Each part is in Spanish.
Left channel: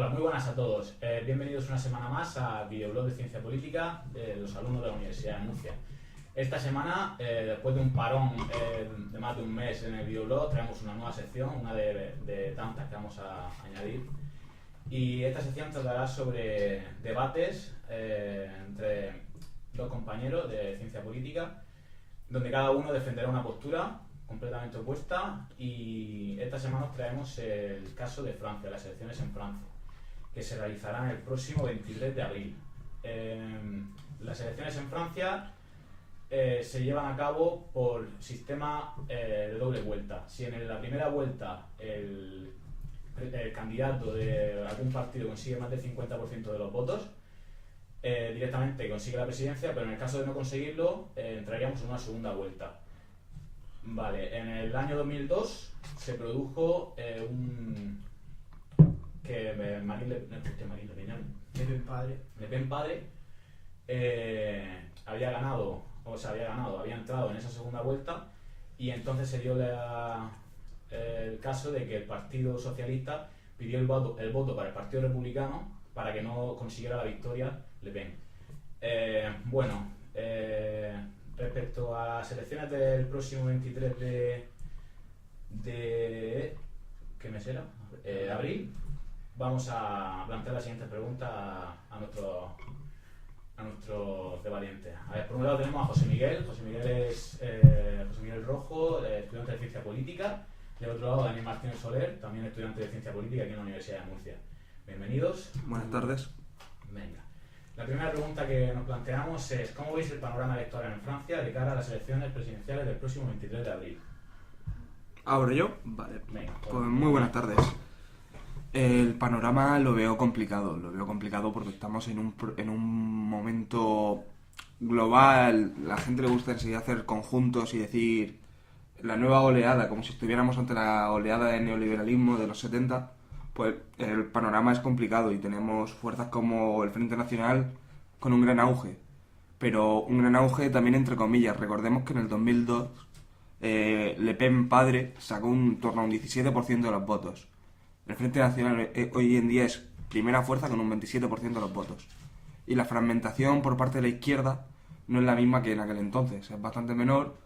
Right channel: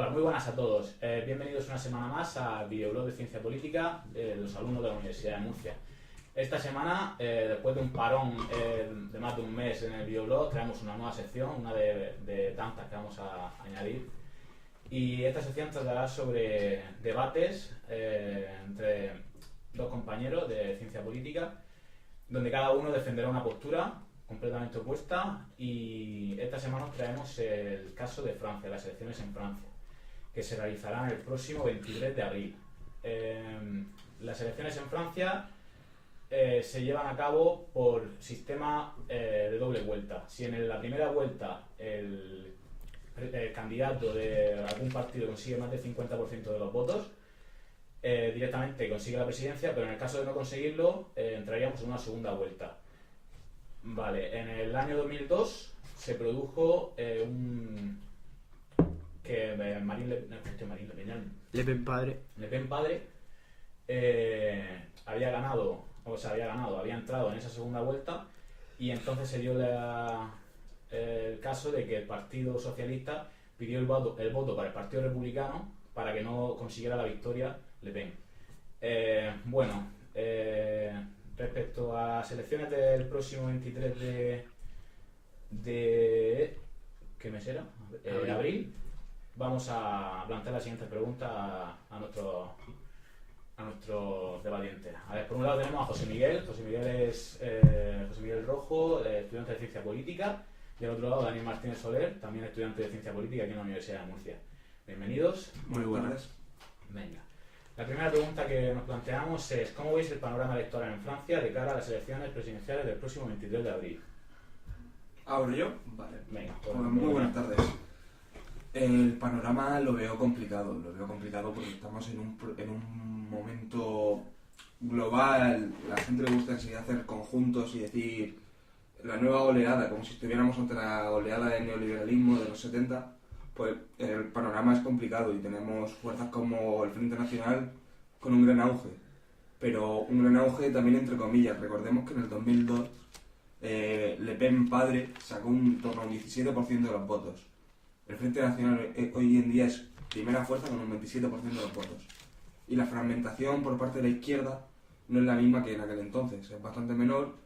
Hola, muy buenas a todos. Bienvenidos una semana más a Videoblog de Ciencia Política de los alumnos de la Universidad de Murcia. Esta semana, después de un parón de más de un mes en el videoblog, traemos una nueva sección, una de tantas que vamos a añadir. Y esta sección tratará sobre debates entre dos compañeros de Ciencia Política, donde cada uno defenderá una postura completamente opuesta, y esta semana os traemos el caso de Francia, las elecciones en Francia, que se realizarán el próximo 23 de abril. Las elecciones en Francia se llevan a cabo por sistema de doble vuelta. Si en la primera vuelta el candidato de algún partido consigue más del 50% de los votos, directamente consigue la presidencia, pero en el caso de no conseguirlo, entraríamos en una segunda vuelta. Vale, en el año 2002 se produjo que Le Pen padre había entrado en esa segunda vuelta, y entonces se dio el caso de que el Partido Socialista pidió el voto para el Partido Republicano para que no consiguiera la victoria Le Pen. Respecto a las elecciones del próximo 23 de ¿qué mes era? Abril, vamos a plantear la siguiente pregunta a nuestros debatientes. A ver, por un lado tenemos a José Miguel. José Miguel es José Miguel Rojo, estudiante de Ciencia Política. Del otro lado, Daniel Martínez Soler, también estudiante de Ciencia Política aquí en la Universidad de Murcia. Bienvenidos. Buenas tardes. Venga. La primera pregunta que nos planteamos es: ¿cómo veis el panorama electoral en Francia de cara a las elecciones presidenciales del próximo 23 de abril? ¿Ahora yo? Vale. Venga, Pues muy buenas tardes. El panorama lo veo complicado porque estamos en un momento global. La gente le gusta enseguida hacer conjuntos y decir la nueva oleada, como si estuviéramos ante la oleada del neoliberalismo de los 70. Pues el panorama es complicado y tenemos fuerzas como el Frente Nacional con un gran auge, pero un gran auge también entre comillas. Recordemos que en el 2002 Le Pen padre sacó torno a un 17% de los votos. El Frente Nacional hoy en día es primera fuerza con un 27% de los votos, y la fragmentación por parte de la izquierda no es la misma que en aquel entonces, es bastante menor,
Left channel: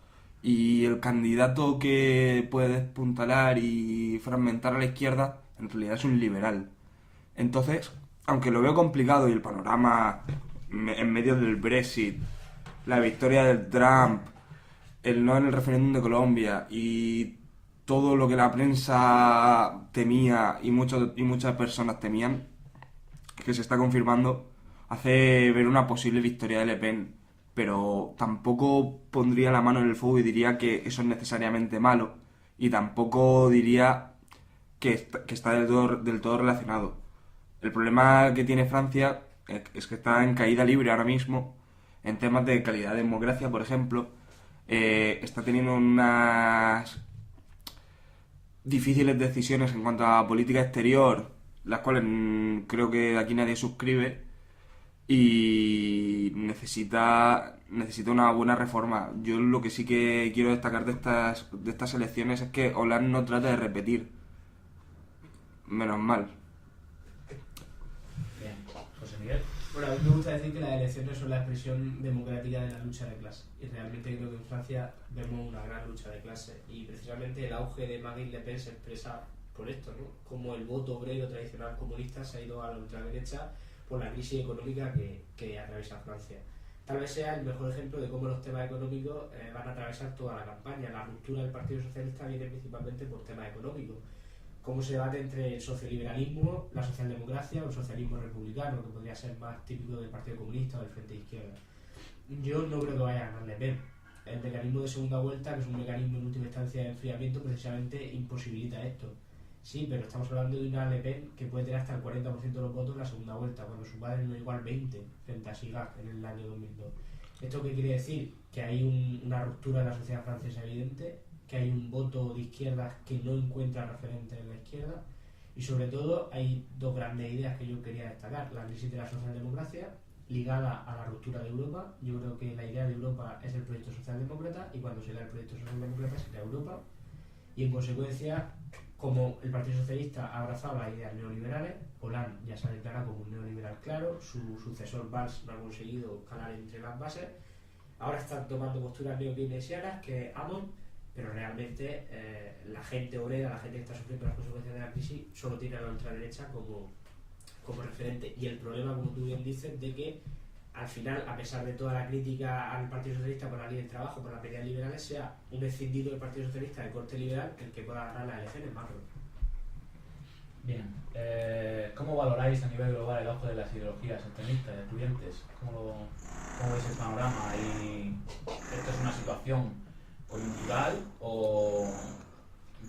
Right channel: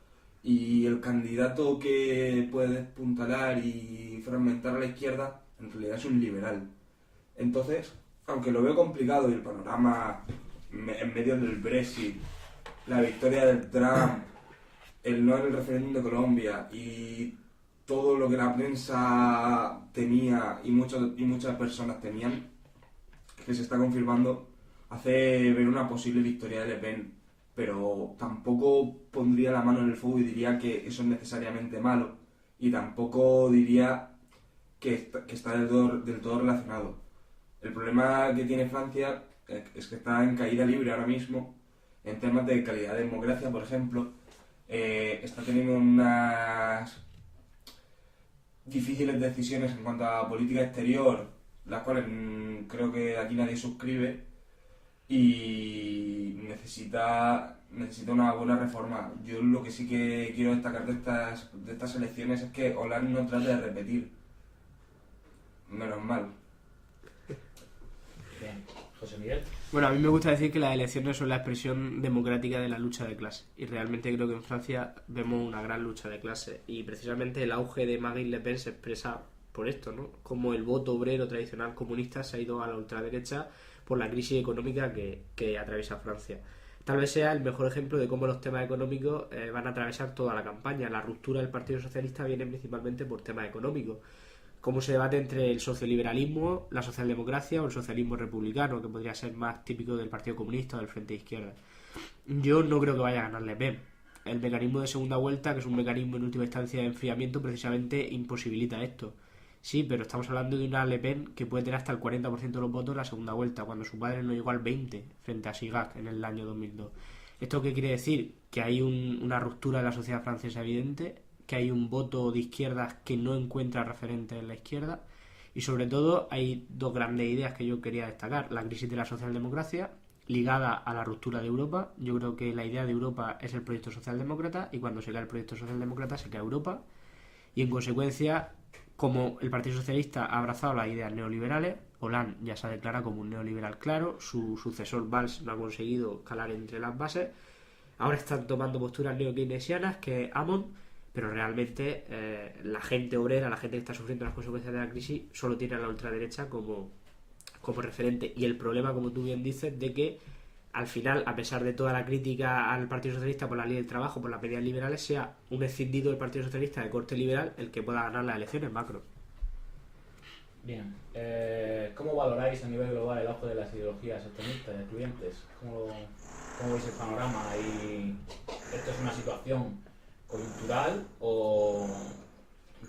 y el candidato que puede despuntalar y fragmentar a la izquierda en realidad es un liberal. Entonces, aunque lo veo complicado y el panorama en medio del Brexit, la victoria del Trump, el no en el referéndum de Colombia y todo lo que la prensa temía y muchas personas temían, que se está confirmando, hace ver una posible victoria de Le Pen, pero tampoco pondría la mano en el fuego y diría que eso es necesariamente malo, y tampoco diría que está del todo relacionado. El problema que tiene Francia es que está en caída libre ahora mismo en temas de calidad de democracia, por ejemplo. Está teniendo unas difíciles decisiones en cuanto a política exterior, las cuales creo que aquí nadie suscribe, y necesita una buena reforma. Yo lo que sí que quiero destacar de estas elecciones es que Hollande no trata de repetir. Menos mal. Bien. José Miguel. Bueno, a mí me gusta decir que las elecciones son la expresión democrática de la lucha de clase, y realmente creo que en Francia vemos una gran lucha de clase, y precisamente el auge de Marine Le Pen se expresa por esto, ¿no? Como el voto obrero tradicional comunista se ha ido a la ultraderecha por la crisis económica que atraviesa Francia. Tal vez sea el mejor ejemplo de cómo los temas económicos van a atravesar toda la campaña. La ruptura del Partido Socialista viene principalmente por temas económicos, cómo se debate entre el socioliberalismo, la socialdemocracia o el socialismo republicano, que podría ser más típico del Partido Comunista o del Frente de Izquierda. Yo no creo que vaya a ganar Le Pen. El mecanismo de segunda vuelta, que es un mecanismo en última instancia de enfriamiento, precisamente imposibilita esto. Sí, pero estamos hablando de una Le Pen que puede tener hasta el 40% de los votos en la segunda vuelta, cuando su padre no llegó al 20% frente a Chirac en el año 2002. ¿Esto qué quiere decir? Que hay una ruptura de la sociedad francesa evidente, que hay un voto de izquierdas que no encuentra referentes en la izquierda, y sobre todo hay dos grandes ideas que yo quería destacar: la crisis de la socialdemocracia ligada a la ruptura de Europa. Yo creo que la idea de Europa es el proyecto socialdemócrata, y cuando se cae el proyecto socialdemócrata se cae Europa, y en consecuencia como el Partido Socialista ha abrazado las ideas neoliberales, Hollande ya se declara como un neoliberal claro, su sucesor Valls no ha conseguido calar entre las bases, ahora están tomando posturas neokeynesianas, que es Hamon, pero realmente la gente obrera, la gente que está sufriendo las consecuencias de la crisis, solo tiene a la ultraderecha como referente. Y el problema, como tú bien dices, de que al final, a pesar de toda la crítica al Partido Socialista por la ley del trabajo, por las medidas liberales, sea un escindido del Partido Socialista de corte liberal el que pueda ganar las elecciones macro. Bien, ¿cómo valoráis a nivel global el auge de las ideologías extremistas y excluyentes? ¿Cómo veis el panorama? ¿Y esto es una situación coyuntural o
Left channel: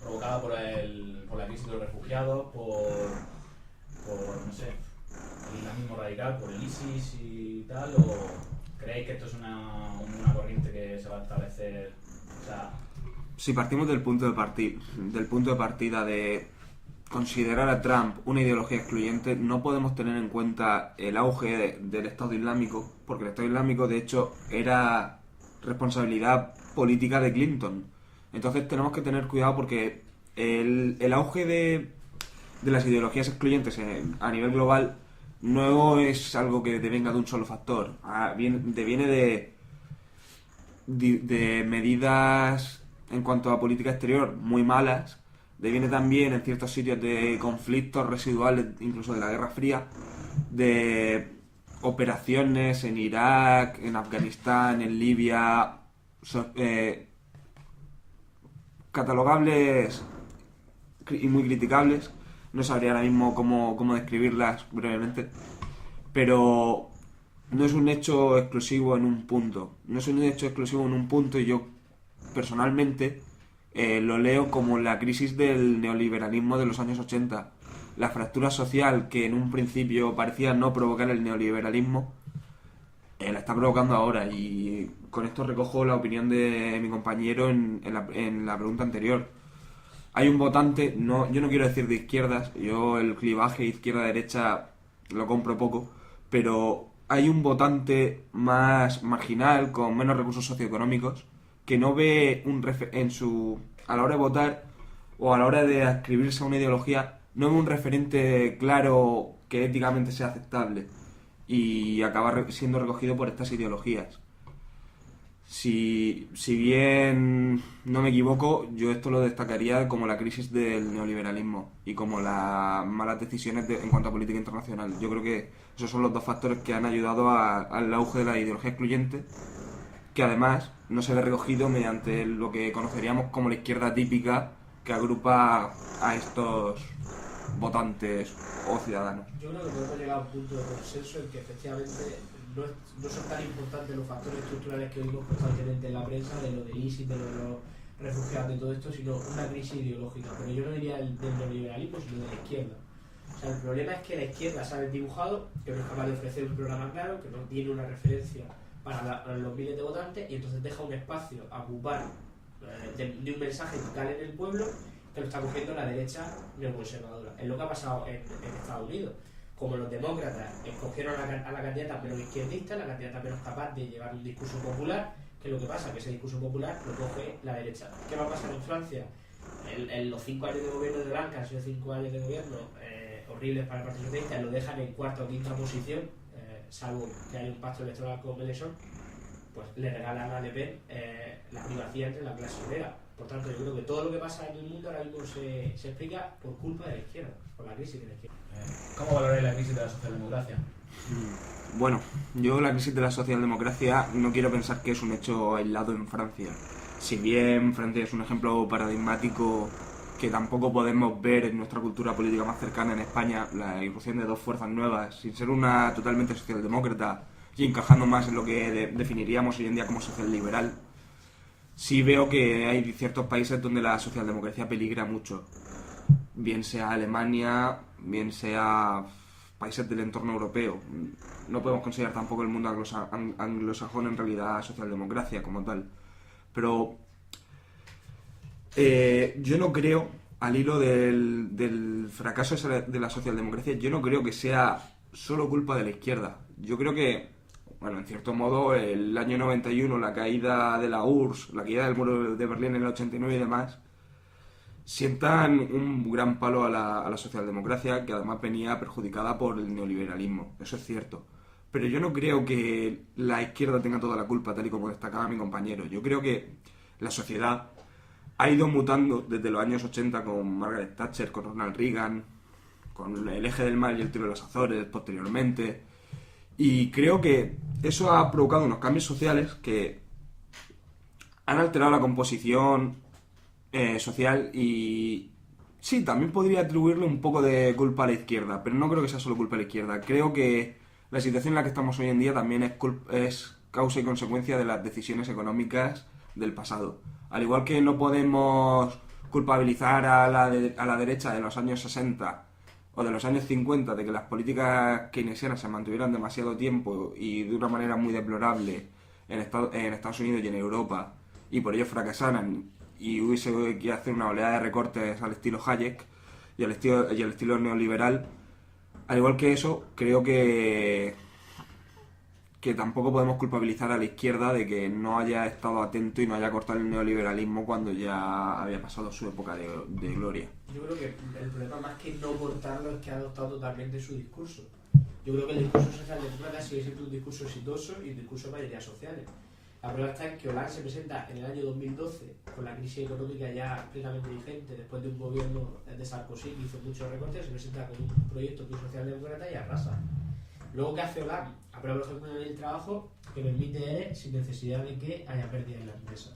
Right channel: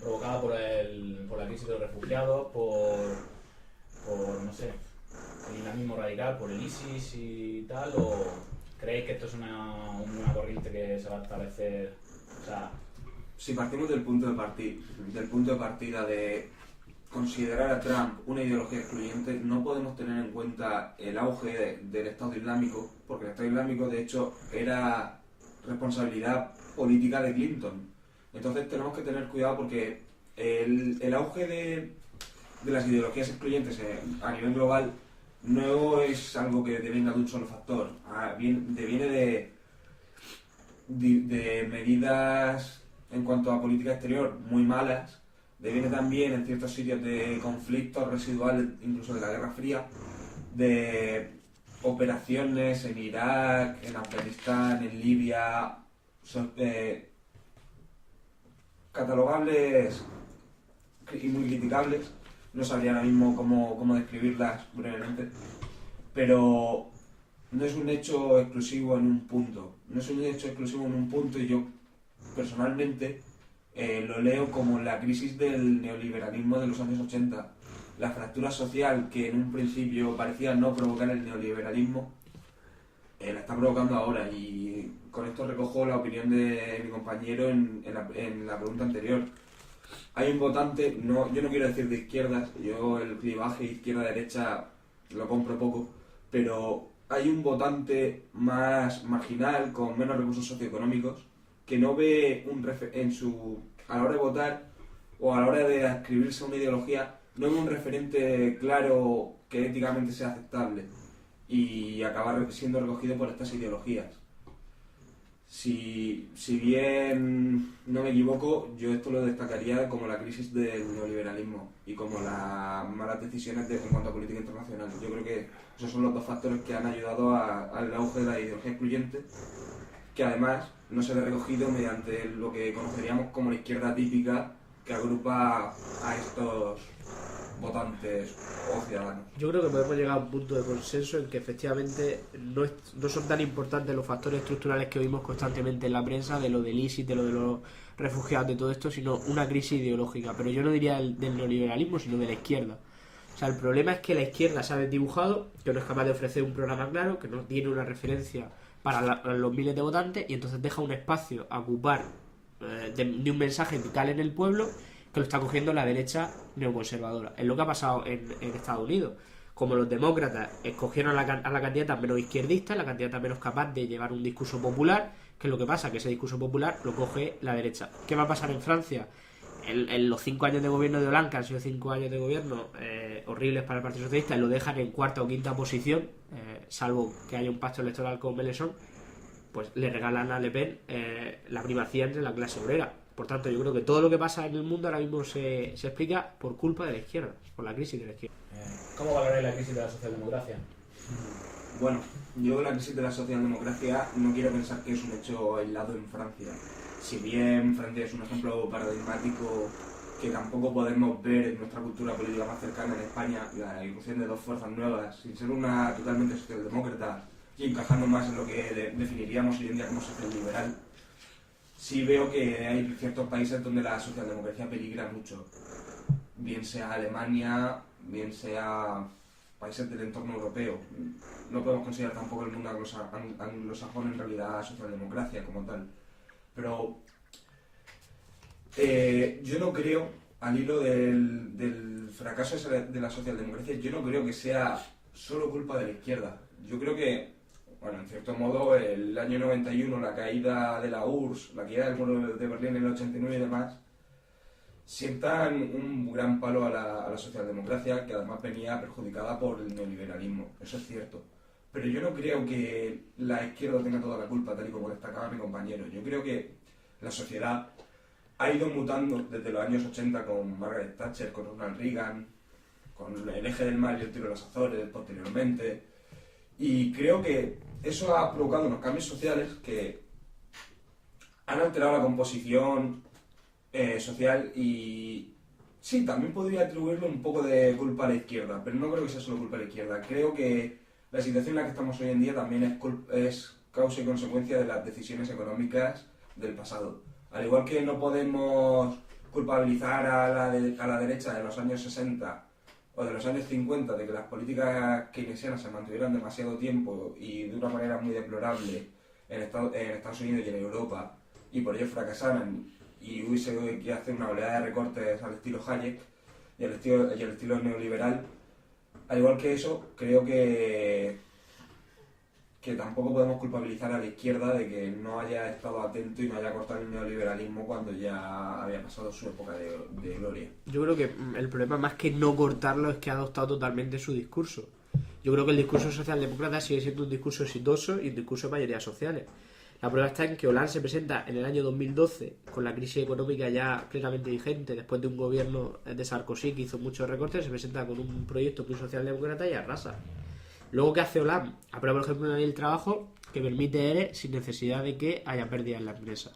provocada por la crisis de los refugiados, por no sé, el islamismo radical, por el ISIS y tal? ¿O creéis que esto es una corriente que se va a establecer? O sea, si partimos del punto de partida de considerar a Trump una ideología excluyente, no podemos tener en cuenta el auge del Estado Islámico, porque el Estado Islámico de hecho era responsabilidad política de Clinton. Entonces tenemos que tener cuidado porque el auge de las ideologías excluyentes a nivel global no es algo que devenga de un solo factor, deviene de medidas en cuanto a política exterior muy malas, deviene también en ciertos sitios de conflictos residuales, incluso de la Guerra Fría, de operaciones en Irak, en Afganistán, en Libia, catalogables y muy criticables. No sabría ahora mismo cómo describirlas brevemente, pero no es un hecho exclusivo en un punto. No es un hecho exclusivo en un punto y yo personalmente lo leo como la crisis del neoliberalismo de los años 80. La fractura social que en un principio parecía no provocar el neoliberalismo, la está provocando ahora, y con esto recojo la opinión de mi compañero en la pregunta anterior. Hay un votante, yo no quiero decir de izquierdas, yo el clivaje izquierda-derecha lo compro poco, pero hay un votante más marginal, con menos recursos socioeconómicos, que no ve a la hora de votar o a la hora de adscribirse a una ideología, no ve un referente claro que éticamente sea aceptable y acaba siendo recogido por estas ideologías. Si bien no me equivoco, yo esto lo destacaría como la crisis del neoliberalismo y como las malas decisiones en cuanto a política internacional. Yo creo que esos son los dos factores que han ayudado al auge de la ideología excluyente, que además no se ve recogido mediante lo que conoceríamos como la izquierda típica, que agrupa a estos votantes o ciudadanos. Yo creo que podemos llegar a un punto de consenso en que efectivamente no son tan importantes los factores estructurales que oímos constantemente en la prensa, de lo del ISIS, de lo de los refugiados, de todo esto, sino una crisis ideológica. Pero yo no diría del neoliberalismo, sino de la izquierda. O sea, el problema es que la izquierda se ha desdibujado, que no es capaz de ofrecer un programa claro, que no tiene una referencia para los miles de votantes, y entonces deja un espacio a ocupar de un mensaje que cale en el pueblo, que lo está cogiendo la derecha neoconservadora. Es lo que ha pasado en Estados Unidos. Como los demócratas escogieron a la candidata menos izquierdista, la candidata menos capaz de llevar un discurso popular, ¿qué es lo que pasa? Que ese discurso popular lo coge la derecha. ¿Qué va a pasar en Francia? En los 5 años de gobierno de Hollande, que han sido 5 años de gobierno horribles para el Partido Socialista, lo dejan en cuarta o quinta posición, salvo que haya un pacto electoral con Mélenchon, pues le regalan a Le Pen la primacía entre la clase obrera. Por tanto, yo creo que todo lo que pasa en el mundo ahora mismo se explica por culpa de la izquierda, por la crisis de la izquierda. ¿Cómo valoráis la crisis de la socialdemocracia? Bueno, yo la crisis de la socialdemocracia no quiero pensar que es un hecho aislado en Francia. Si bien Francia es un ejemplo paradigmático que tampoco podemos ver en nuestra cultura política más cercana en España, la irrupción de dos fuerzas nuevas, sin ser una totalmente socialdemócrata y encajando más en lo que definiríamos hoy en día como socialliberal, sí veo que hay ciertos países donde la socialdemocracia peligra mucho. Bien sea Alemania, bien sea países del entorno europeo. No podemos considerar tampoco el mundo anglosajón en realidad socialdemocracia como tal. Pero yo no creo, al hilo del fracaso de la socialdemocracia, yo no creo que sea solo culpa de la izquierda. Yo creo que, bueno, en cierto modo, el año 91, la caída de la URSS, la caída del muro de Berlín en el 89 y demás, sientan un gran palo a la socialdemocracia, que además venía perjudicada por el neoliberalismo. Eso es cierto. Pero yo no creo que la izquierda tenga toda la culpa, tal y como destacaba mi compañero. Yo creo que la sociedad ha ido mutando desde los años 80 con Margaret Thatcher, con Ronald Reagan, con el eje del mal y el tiro de las Azores posteriormente. Y creo que eso ha provocado unos cambios sociales que han alterado la composición social y sí, también podría atribuirle un poco de culpa a la izquierda, pero no creo que sea solo culpa de la izquierda. Creo que la situación en la que estamos hoy en día también es causa y consecuencia de las decisiones económicas del pasado. Al igual que no podemos culpabilizar a la derecha de los años 60 o de los años 50 de que las políticas keynesianas se mantuvieran demasiado tiempo y de una manera muy deplorable en Estados Unidos y en Europa, y por ello fracasaran y hubiese que hacer una oleada de recortes al estilo Hayek y al estilo neoliberal. Al igual que eso, creo que tampoco podemos culpabilizar a la izquierda de que no haya estado atento y no haya cortado el neoliberalismo cuando ya había pasado su época de gloria. Yo creo que el problema más que no cortarlo es que ha adoptado totalmente su discurso. Yo creo que el discurso socialdemócrata sigue siendo un discurso exitoso y un discurso de mayorías sociales. La prueba está en que Hollande se presenta en el año 2012 con la crisis económica ya plenamente vigente, después de un gobierno de Sarkozy que hizo muchos recortes, se presenta con un proyecto muy socialdemócrata y arrasa. Luego, ¿qué hace Hollande? Aprueba, por ejemplo, una ley del trabajo que permite ERE sin necesidad de que haya pérdida en la empresa.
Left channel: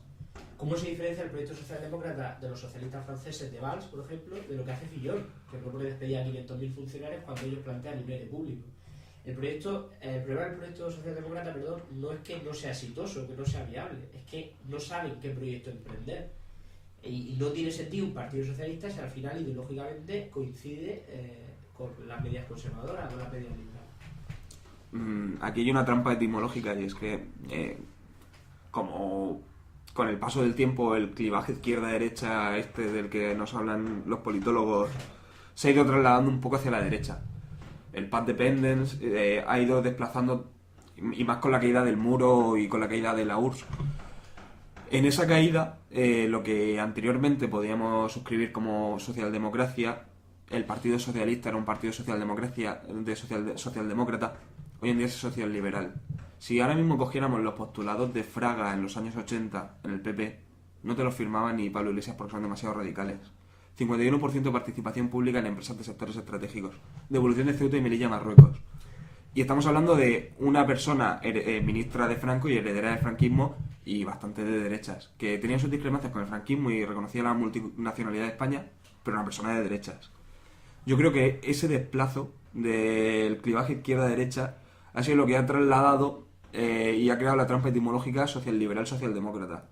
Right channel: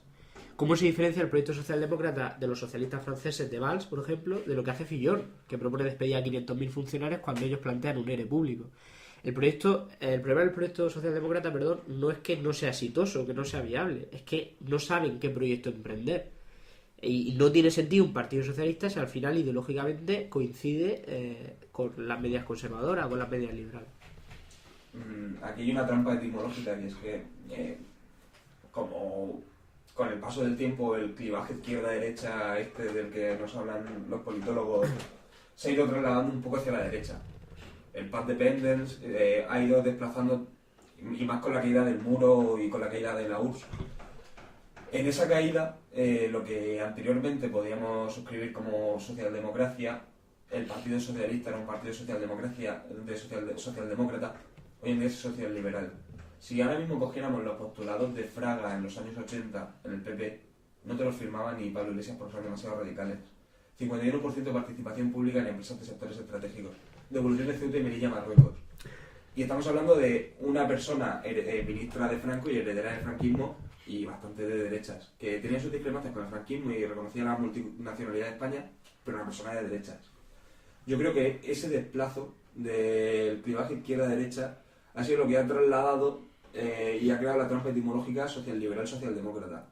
¿Cómo se diferencia el proyecto socialdemócrata de los socialistas franceses de Valls, por ejemplo, de lo que hace Fillon, que propone despedir a 500.000 funcionarios cuando ellos plantean un ERE público? El problema del proyecto socialdemócrata, no es que no sea exitoso, que no sea viable, es que no saben qué proyecto emprender. Y no tiene sentido un partido socialista si al final ideológicamente coincide con las medidas conservadoras, con las medidas liberales. Aquí hay una trampa etimológica y es que como con el paso del tiempo el clivaje izquierda-derecha del que nos hablan los politólogos se ha ido trasladando un poco hacia la derecha. El path dependence ha ido desplazando, y más con la caída del muro y con la caída de la URSS. En esa caída, lo que anteriormente podíamos suscribir como socialdemocracia, el Partido Socialista era un partido socialdemócrata, hoy en día es socialliberal. Si ahora mismo cogiéramos los postulados de Fraga en los años 80 en el PP, no te los firmaba ni Pablo Iglesias porque son demasiado radicales. 51% de participación pública en empresas de sectores estratégicos, devolución de Ceuta y Melilla a Marruecos. Y estamos hablando de una persona ministra de Franco y heredera del franquismo y bastante de derechas, que tenía sus discrepancias con el franquismo y reconocía la multinacionalidad de España, pero una persona de derechas. Yo creo que ese desplazo del clivaje izquierda-derecha ha sido lo que ha trasladado y ha creado la trampa etimológica social-liberal-socialdemócrata.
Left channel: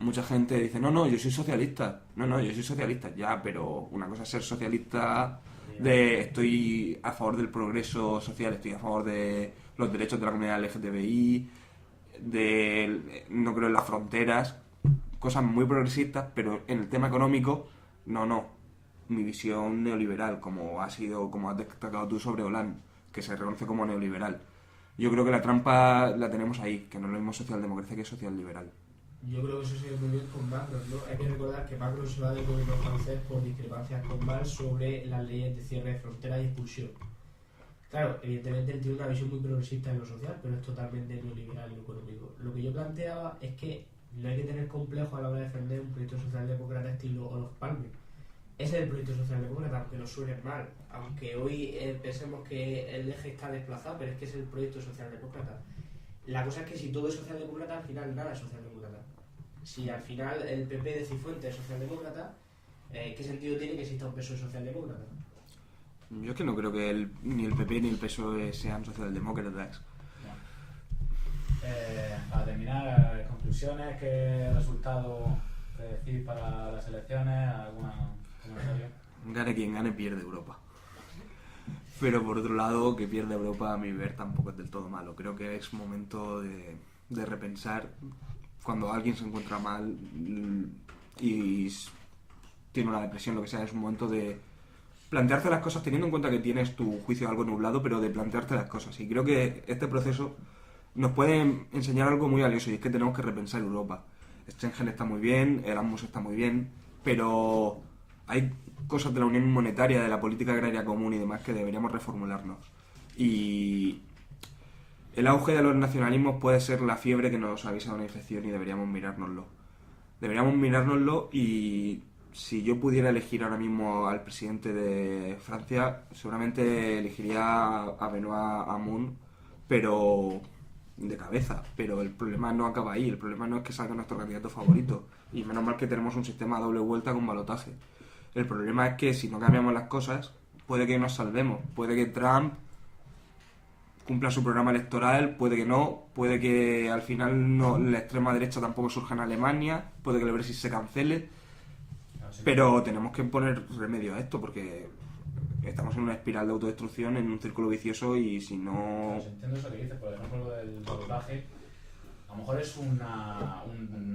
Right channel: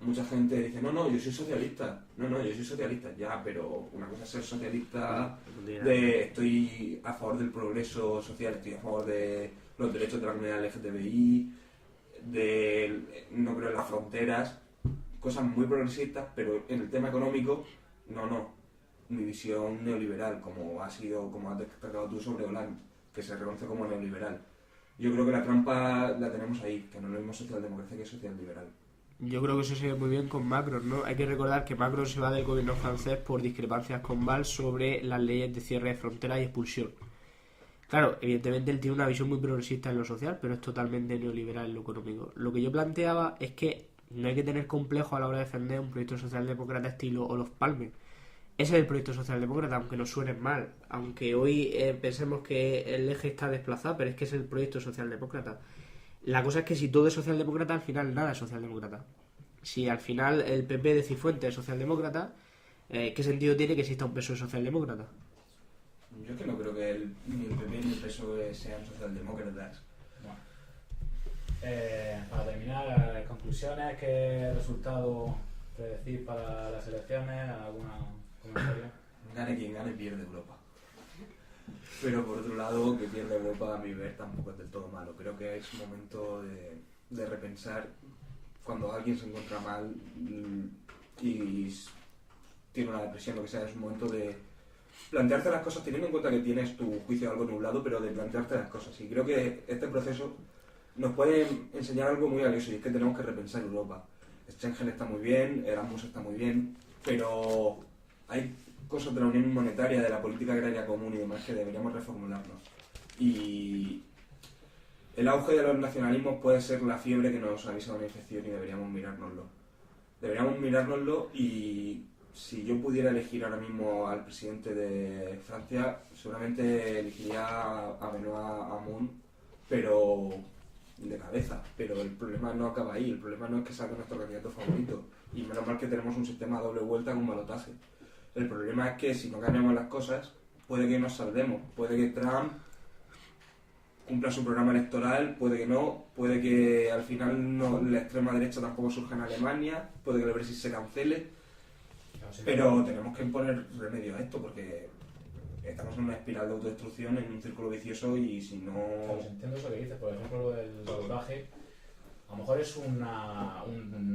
Mucha gente dice, no, yo soy socialista. No, yo soy socialista. Ya, pero una cosa es ser socialista estoy a favor del progreso social, estoy a favor de los derechos de la comunidad LGTBI, no creo en las fronteras, cosas muy progresistas, pero en el tema económico, no. Mi visión neoliberal, como has destacado tú sobre Hollande, que se reconoce como neoliberal. Yo creo que la trampa la tenemos ahí, que no es lo mismo socialdemocracia que socialliberal. Yo creo que eso se ve muy bien con Macron, ¿no? Hay que recordar que Macron se va del gobierno francés por discrepancias con Valls sobre las leyes de cierre de fronteras y expulsión. Claro, evidentemente él tiene una visión muy progresista en lo social, pero es totalmente neoliberal en lo económico. Lo que yo planteaba es que no hay que tener complejo a la hora de defender un proyecto socialdemócrata estilo Olof Palme. Ese es el proyecto socialdemócrata, aunque nos suene mal, aunque hoy pensemos que el eje está desplazado, pero es que es el proyecto socialdemócrata. La cosa es que si todo es socialdemócrata, al final nada es socialdemócrata. Si al final el PP de Cifuentes es socialdemócrata, ¿qué sentido tiene que exista un PSOE socialdemócrata? Yo es que no creo que ni el PP ni el PSOE sean socialdemócratas. Bueno. Para terminar, conclusiones, ¿qué resultado te decís para las elecciones? ¿Alguna comentario? Gane quien gane, pierde Europa. Pero por otro lado, que pierda Europa a mi ver tampoco es del todo malo. Creo que es momento de repensar cuando alguien se encuentra mal y tiene una depresión, lo que sea, es un momento de plantearte las cosas teniendo en cuenta que tienes tu juicio algo nublado, pero de plantearte las cosas. Y creo que este proceso nos puede enseñar algo muy valioso y es que tenemos que repensar Europa. Schengen está muy bien, Erasmus está muy bien, pero hay cosas de la Unión Monetaria, de la política agraria común y demás que deberíamos reformularnos. Y el auge de los nacionalismos puede ser la fiebre que nos avisa de una infección y deberíamos mirárnoslo. Deberíamos mirárnoslo y si yo pudiera elegir ahora mismo al presidente de Francia, seguramente elegiría a Benoît Hamon, pero de cabeza. Pero el problema no acaba ahí, el problema no es que salga nuestro candidato favorito. Y menos mal que tenemos un sistema a doble vuelta con balotaje. El problema es que si no cambiamos las cosas, puede que nos salvemos, puede que Trump cumpla su programa electoral, puede que no, puede que al final no, la extrema derecha tampoco surja en Alemania, puede que el Brexit se cancele, pero tenemos que poner remedio a esto porque estamos en una espiral de autodestrucción, en un círculo vicioso y si no... Claro, entiendo eso que dices, por ejemplo, lo del balotaje, a lo mejor es una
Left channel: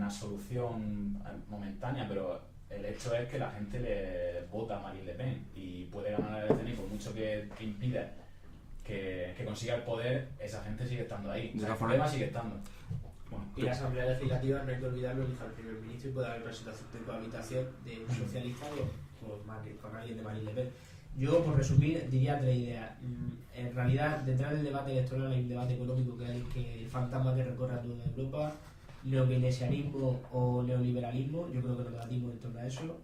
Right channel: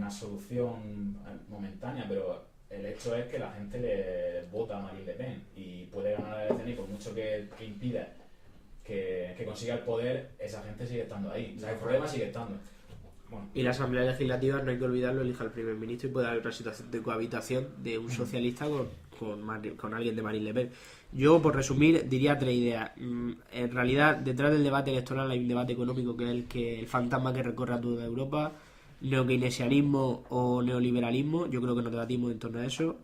solución momentánea, pero el hecho es que la gente le vota a Marine Le Pen y puede ganar la elección y por mucho que impida que consiga el poder, esa gente sigue estando ahí. O sea, el problema sigue estando. Bueno, y la Asamblea Legislativa, no hay que olvidarlo, elija al primer ministro y puede haber una situación de cohabitación de un socialista con alguien de Marine Le Pen. Yo, por resumir, diría 3 ideas. En realidad, detrás del debate electoral hay un debate económico que es el fantasma que recorre a toda Europa. Neokeynesianismo o neoliberalismo, yo creo que nos debatimos en torno a eso.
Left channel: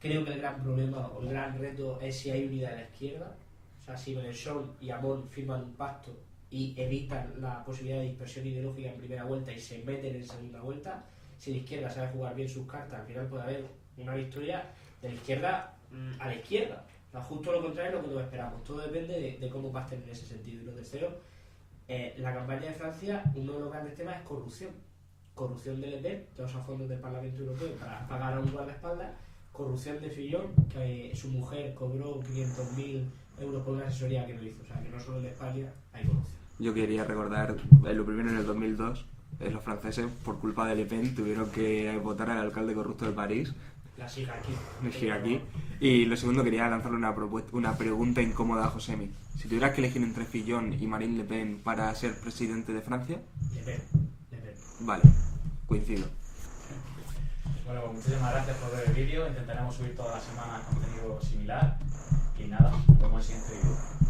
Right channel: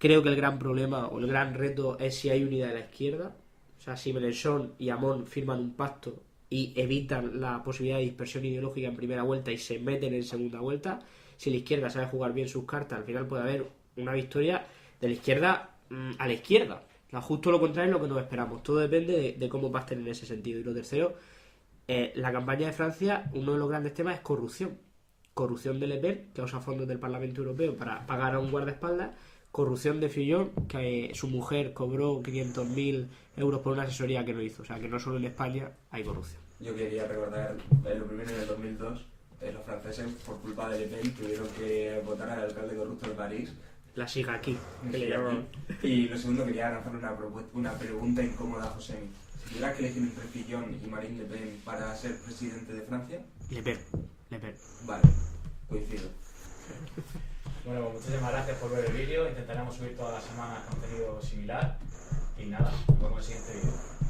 Creo que el gran problema o el gran reto es si hay unidad de la izquierda. O sea, si Mélenchon y Hamon firman un pacto y evitan la posibilidad de dispersión ideológica en primera vuelta y se meten en segunda vuelta, si la izquierda sabe jugar bien sus cartas, al final puede haber una victoria de la izquierda a la izquierda. O sea, justo lo contrario es lo que nos esperamos. Todo depende de cómo pasten en ese sentido. Y lo tercero, la campaña de Francia, uno de los grandes temas es corrupción. Corrupción de Le Pen, que usa fondos del Parlamento Europeo para pagar a un guardaespaldas. Corrupción de Fillon, que su mujer cobró 500.000 euros por una asesoría que no hizo. O sea, que no solo en España hay corrupción. Yo quería recordar, lo primero en el 2002, los franceses, por culpa de Le Pen, tuvieron que votar al alcalde corrupto de París. La siga aquí. Y lo segundo, quería lanzarle una pregunta incómoda a Josemi. Si tuvieras que elegir entre Fillon y Marine Le Pen para ser presidente de Francia... Le Pen. Vale, coincido. Bueno, pues muchísimas gracias por ver el vídeo. Intentaremos subir todas las semanas contenido similar. Y nada, nos vemos en el siguiente vídeo.